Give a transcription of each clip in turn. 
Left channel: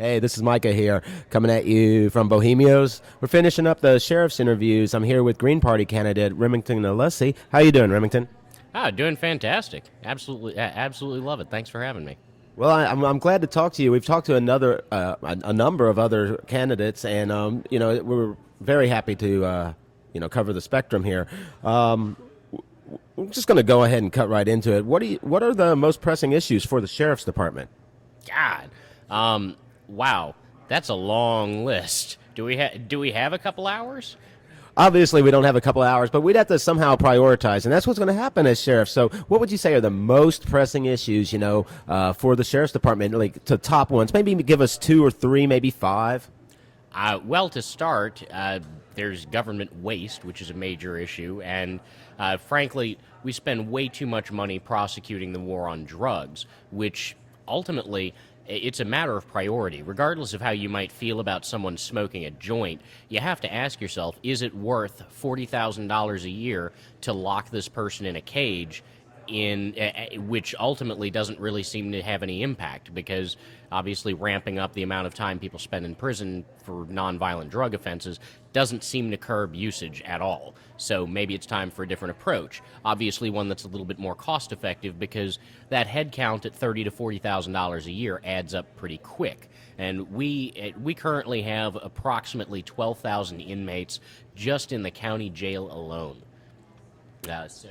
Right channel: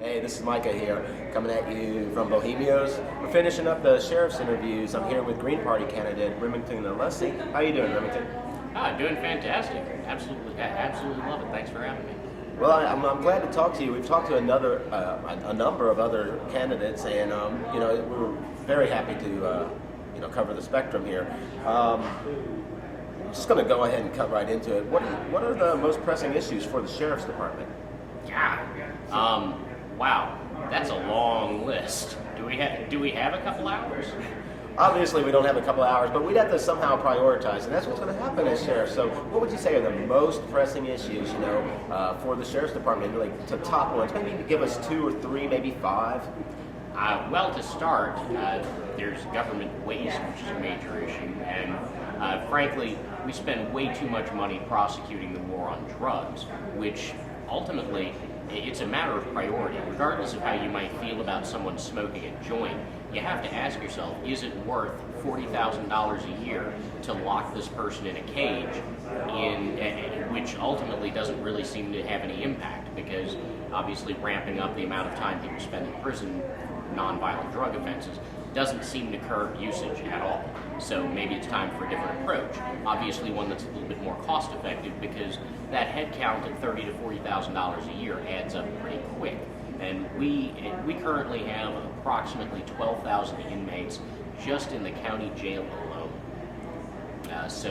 Hey, this is Micah here, coming at you from Bohemios. We're finishing up the sheriff's interviews. I'm here with Green Party candidate Remington Alessi. How you doing, Remington? Doing fantastic. Absolutely, absolutely love it. Thanks for having me. Well, I'm glad to talk to you. We've talked to a number of other candidates, and we're very happy to cover the spectrum here. We're just going to go ahead and cut right into it. What are the most pressing issues for the sheriff's department? God, wow, that's a long list. Do we have a couple hours? Obviously, we don't have a couple of hours, but we'd have to somehow prioritize, and that's what's going to happen as sheriff. So, what would you say are the most pressing issues, for the sheriff's department, like to top ones? Maybe give us two or three, maybe five. Well, to start, there's government waste, which is a major issue, and frankly, we spend way too much money prosecuting the war on drugs, which ultimately it's a matter of priority. Regardless of how you might feel about someone smoking a joint, you have to ask yourself, is it worth $40,000 a year to lock this person in a cage, which ultimately doesn't really seem to have any impact, because obviously ramping up the amount of time people spend in prison for nonviolent drug offenses doesn't seem to curb usage at all. So maybe it's time for a different approach. Obviously one that's a little bit more cost effective, because that head count at $30,000 to $40,000 a year adds up pretty quick. And we currently have approximately 12,000 inmates just in the county jail alone. That's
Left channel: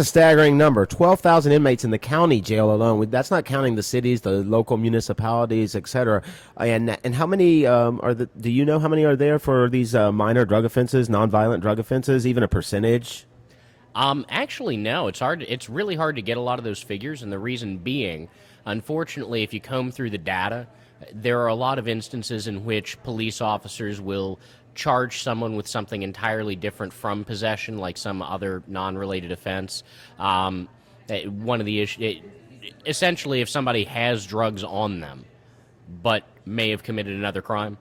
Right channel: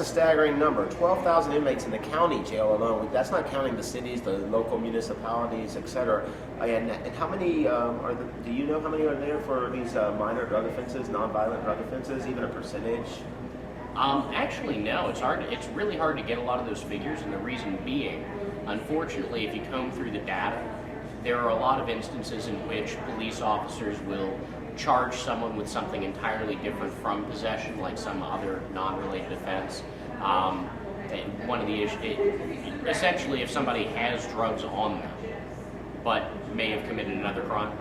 a staggering number. 12,000 inmates in the county jail alone. That's not counting the cities, the local municipalities, etc. And how many do you know how many are there for these minor drug offenses, nonviolent drug offenses? Even a percentage? Actually, no. It's really hard to get a lot of those figures, and the reason being, unfortunately, if you comb through the data, there are a lot of instances in which police officers will charge someone with something entirely different from possession, like some other non-related offense. One of the issues, essentially, if somebody has drugs on them, but may have committed another crime,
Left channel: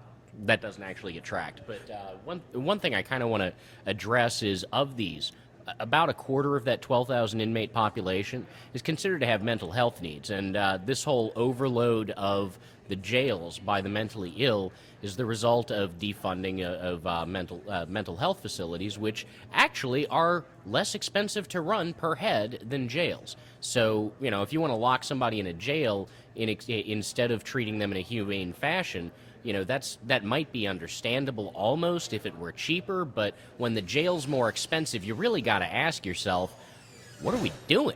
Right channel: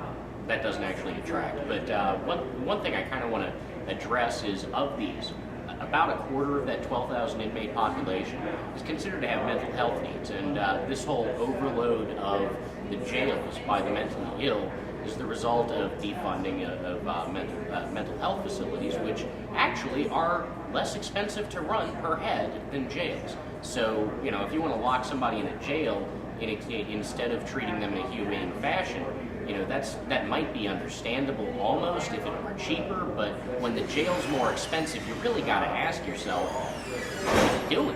that doesn't actually attract. But one thing I kind of want to address is, of these, about a quarter of that 12,000 inmate population is considered to have mental health needs, and this whole overload of the jails by the mentally ill is the result of defunding of mental health facilities, which actually are less expensive to run per head than jails. So, if you want to lock somebody in a jail instead of treating them in a humane fashion, that might be understandable almost if it were cheaper, but when the jail's more expensive, you really got to ask yourself, what are we doing?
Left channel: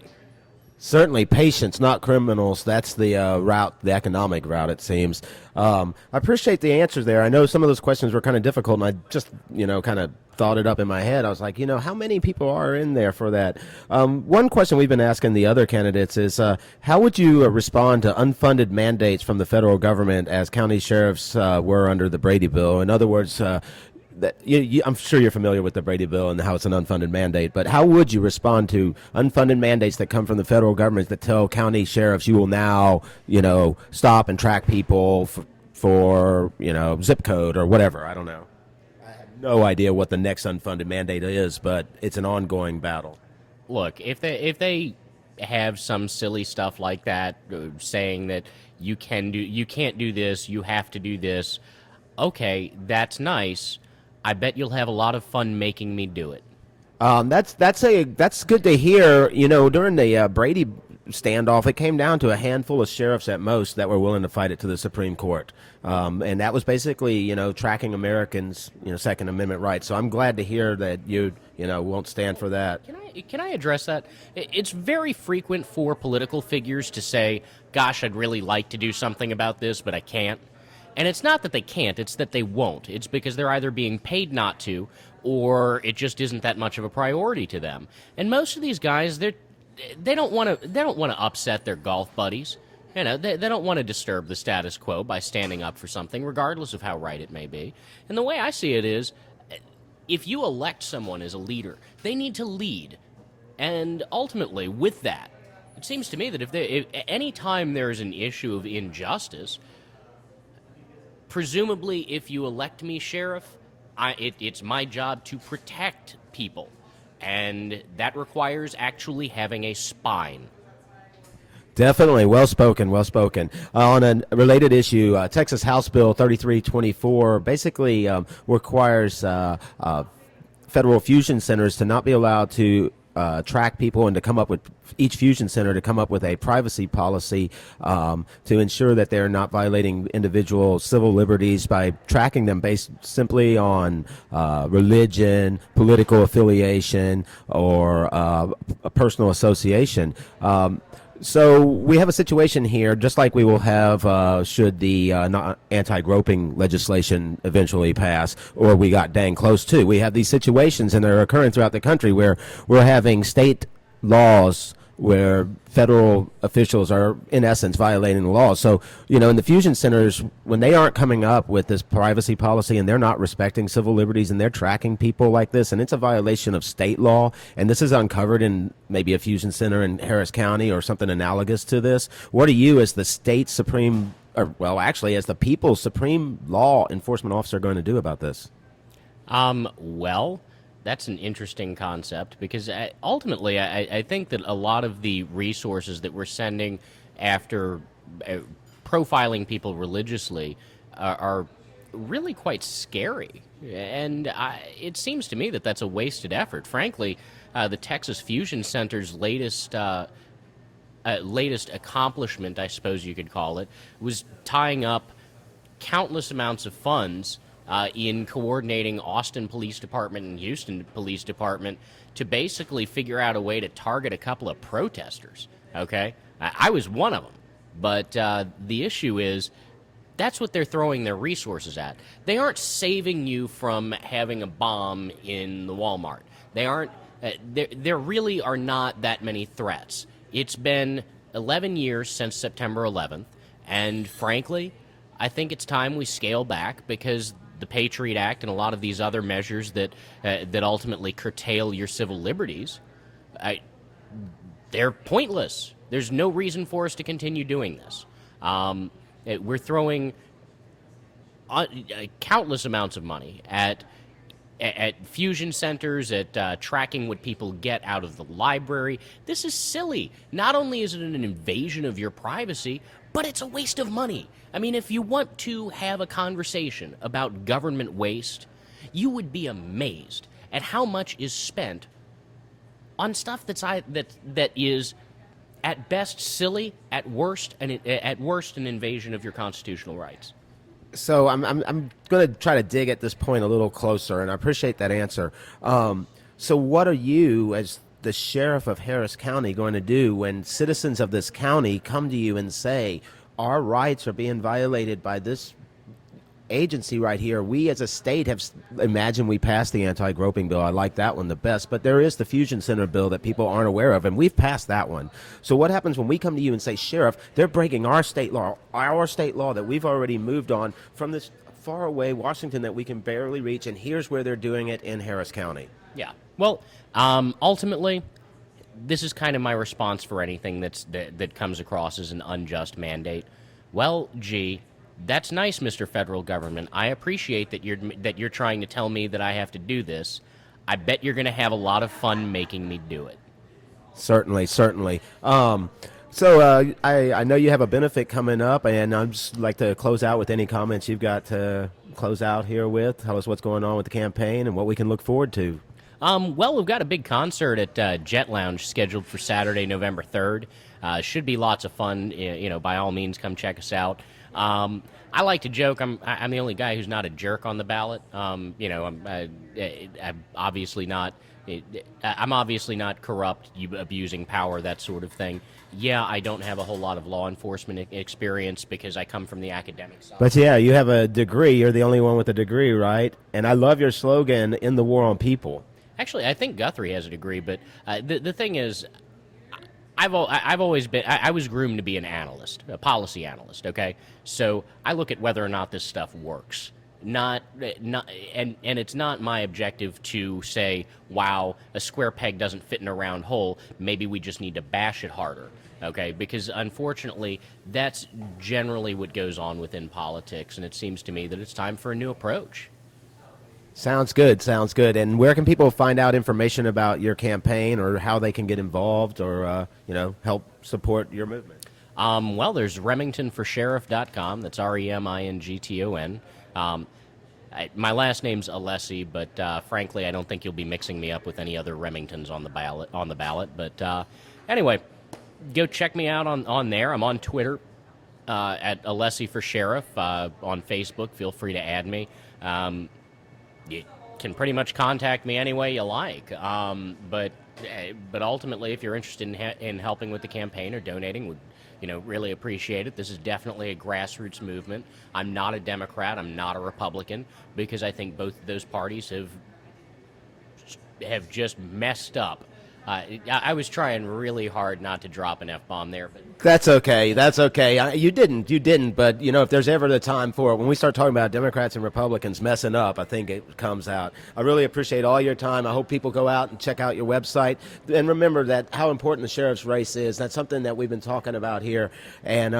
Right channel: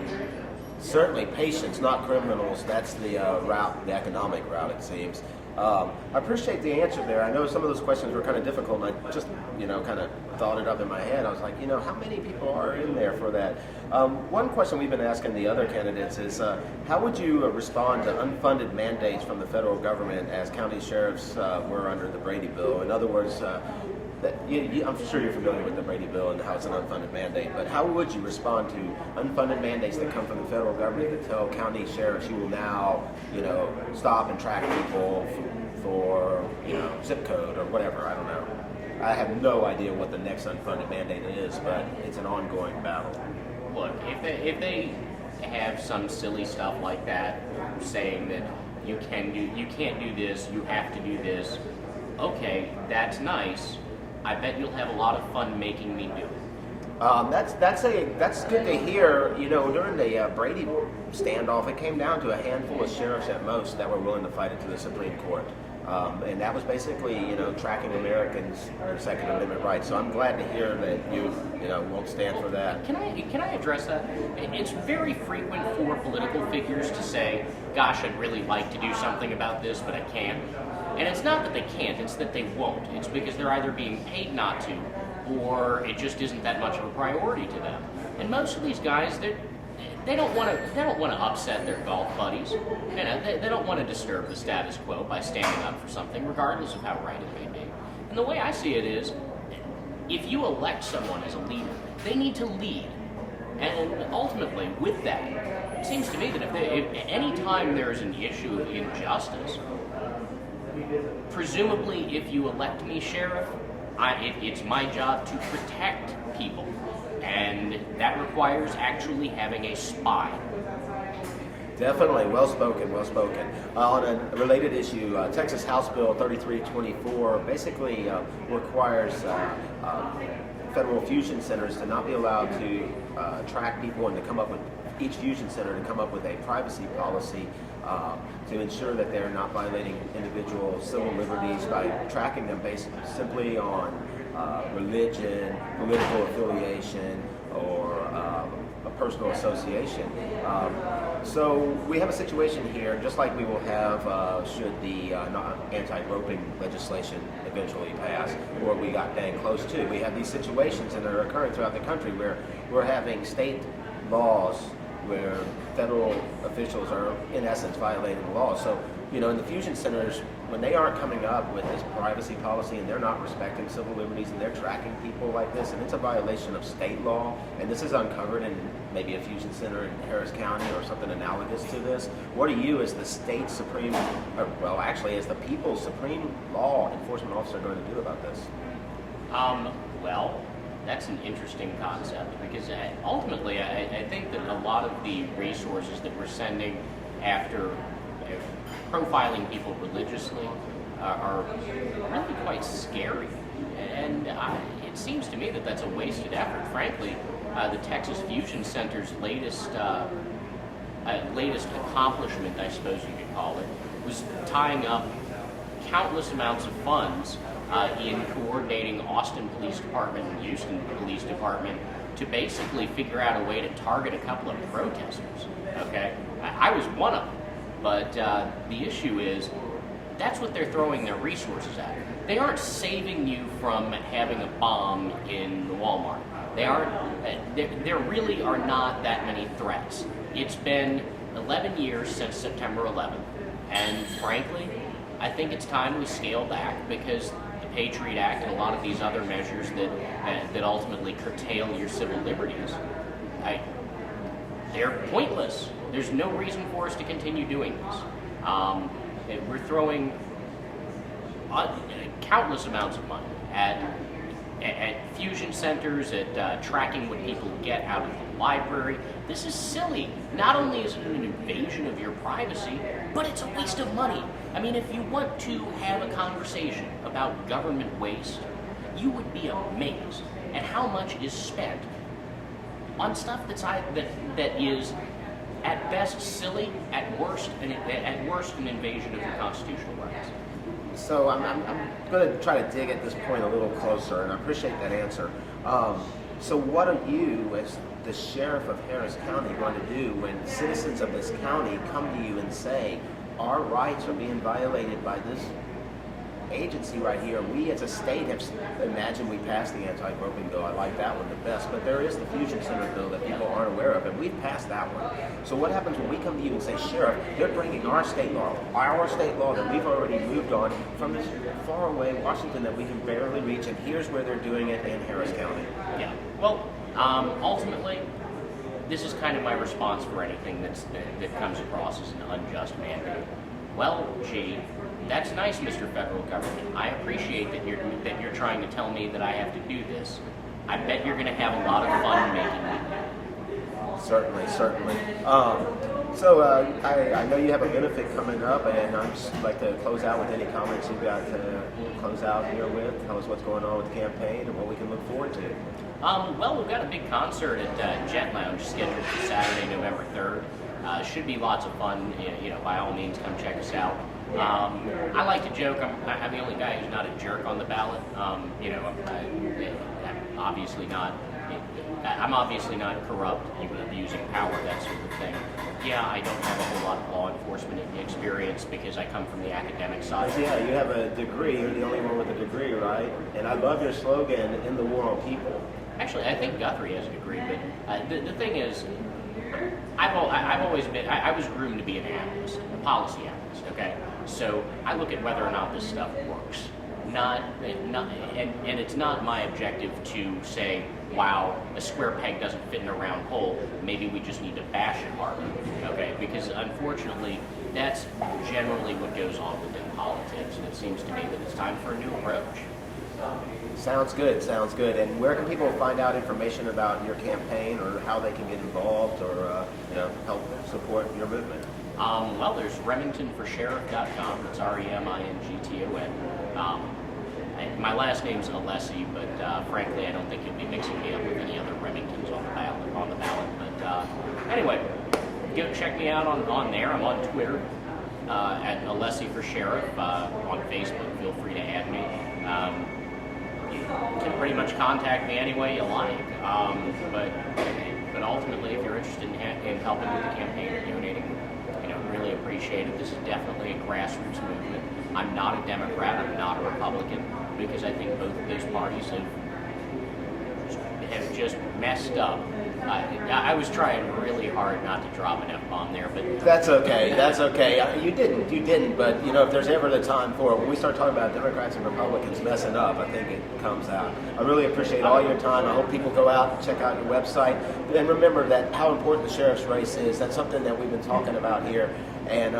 Certainly, patients, not criminals. That's the route, the economic route, it seems. I appreciate the answers there. I know some of those questions were kind of difficult, and I just, kind of thought it up in my head. I was like, how many people are in there for that? One question we've been asking the other candidates is, how would you respond to unfunded mandates from the federal government as county sheriffs were under the Brady Bill? In other words, I'm sure you're familiar with the Brady Bill and how it's an unfunded mandate, but how would you respond to unfunded mandates that come from the federal government that tell county sheriffs you will now, stop and track people for zip code or whatever? I don't know. I have no idea what the next unfunded mandate is, but it's an ongoing battle. Look, if they have some silly stuff like that, saying that you can't do this, you have to do this, okay, that's nice. I bet you'll have a lot of fun making me do it. That's good to hear. During the Brady standoff, it came down to a handful of sheriffs at most that were willing to fight it to the Supreme Court, and that was basically tracking Americans' Second Amendment rights. So I'm glad to hear that you won't stand for that. Can I address that? It's very frequent for political figures to say, "Gosh, I'd really like to do something about this, but I can't." And it's not that they can't, it's that they won't. It's because they're either being paid not to, or it just isn't that much of a priority to them. And most of these guys, they don't want to upset their golf buddies. They don't want to disturb the status quo by standing up for something, regardless of how right it may be. And the way I see it is, if you elect someone as a leader, they need to lead. And ultimately, with that, it seems to me that if any time there's an issue of injustice, presumably, if you elect me sheriff, it's my job to protect people, and that requires actually having a spine. Definitely, well spoken, well spoken. On a related issue, Texas House Bill 3324 basically requires federal fusion centers to not be allowed to track people and to come up with each fusion center to come up with a privacy policy to ensure that they're not violating individual civil liberties by tracking them based simply on religion, political affiliation, or a personal association. So we have a situation here, just like we will have should the anti-groping legislation eventually pass, or we got dang close to. We have these situations, and they're occurring throughout the country, where we're having state laws where federal officials are, in essence, violating the law. So, in the fusion centers, when they aren't coming up with this privacy policy and they're not respecting civil liberties and they're tracking people like this, and it's a violation of state law, and this is uncovered in maybe a fusion center in Harris County or something analogous to this, what are you as the state supreme, or well, actually as the people's supreme law enforcement officer going to do about this? Well, that's an interesting concept because ultimately I think that a lot of the resources that we're sending after profiling people religiously are really quite scary. And it seems to me that that's a wasted effort. Frankly, the Texas Fusion Center's latest accomplishment, I suppose you could call it, was tying up countless amounts of funds in coordinating Austin Police Department and Houston Police Department to basically figure out a way to target a couple of protesters, okay? I was one of them, but the issue is that's what they're throwing their resources at. They aren't saving you from having a bomb in the Walmart. They aren't, there really are not that many threats. It's been 11 years since September 11th, and frankly, I think it's time we scale back because the Patriot Act and a lot of these other measures that ultimately curtail your civil liberties, they're pointless. There's no reason for us to continue doing this. We're throwing countless amounts of money at fusion centers, at tracking what people get out of the library. This is silly. Not only is it an invasion of your privacy, but it's a waste of money. I mean, if you want to have a conversation about government waste, you would be amazed at how much is spent on stuff that is at best silly, at worst an invasion of your constitutional rights. So I'm going to try to dig at this point a little closer, and I appreciate that answer. So what are you, as the sheriff of Harris County, going to do when citizens of this county come to you and say, our rights are being violated by this agency right here? We as a state have imagined we passed the anti-groping bill. I like that one the best, but there is the fusion center bill that people aren't aware of, and we've passed that one. So what happens when we come to you and say, Sheriff, they're breaking our state law that we've already moved on from this far away Washington that we can barely reach, and here's where they're doing it in Harris County? Yeah. Well, ultimately, this is kind of my response for anything that comes across as an unjust mandate. Well, gee, that's nice, Mr. Federal Government. I appreciate that you're trying to tell me that I have to do this. I bet you're going to have a lot of fun making me do it. Certainly. So I know you have a benefit coming up, and I'd just like to close out with any comments you've got to close out here with. Tell us what's going on with the campaign and what we can look forward to. Well, we've got a big concert at Jet Lounge scheduled for Saturday, November 3rd. Should be lots of fun. By all means, come check us out. I like to joke I'm the only guy who's not a jerk on the ballot. I'm obviously not corrupt, abusing power, that sort of thing. Yeah, I don't have a whole lot of law enforcement experience because I come from the academic side. But yeah, you have a degree. You're the only one with a degree, right? And I love your slogan, "In the war on people." Actually, I think Guthrie has a degree, but the thing is, I've always been. I was groomed to be an analyst, a policy analyst. Okay, so I look at whether or not this stuff works. And it's not my objective to say, wow, a square peg doesn't fit in a round hole. Maybe we just need to bash it harder. Okay, because unfortunately, that's generally what goes on within politics, and it seems to me that it's time for a new approach. Sounds good. And where can people find out information about your campaign, or how they can get involved, or help support your movement? Well, there's remingtonforsheriff.com. That's REMINGTON. My last name's Alessi, but frankly, I don't think you'll be mixing me up with any other Remingtons on the ballot. But anyway, go check me out on there. I'm on Twitter at Alessi for Sheriff. On Facebook, feel free to add me. You can pretty much contact me any way you like. But ultimately, if you're interested in helping with the campaign or donating, really appreciate it. This is definitely a grassroots movement. I'm not a Democrat. I'm not a Republican, because I think both of those parties have just messed up. I was trying really hard not to drop an F-bomb there, but That's okay. That's okay. You didn't. But if there's ever the time for it, when we start talking about Democrats and Republicans messing up, I think it comes out. I really appreciate all your time. I hope people go out and check out your website, and remember that how important the sheriff's race is. That's something that we've been talking about here, and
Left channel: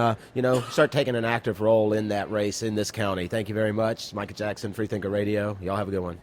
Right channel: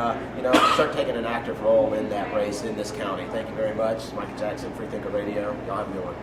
start taking an active role in that race in this county. Thank you very much, Micah Jackson, Freethinker Radio. Y'all have a good one.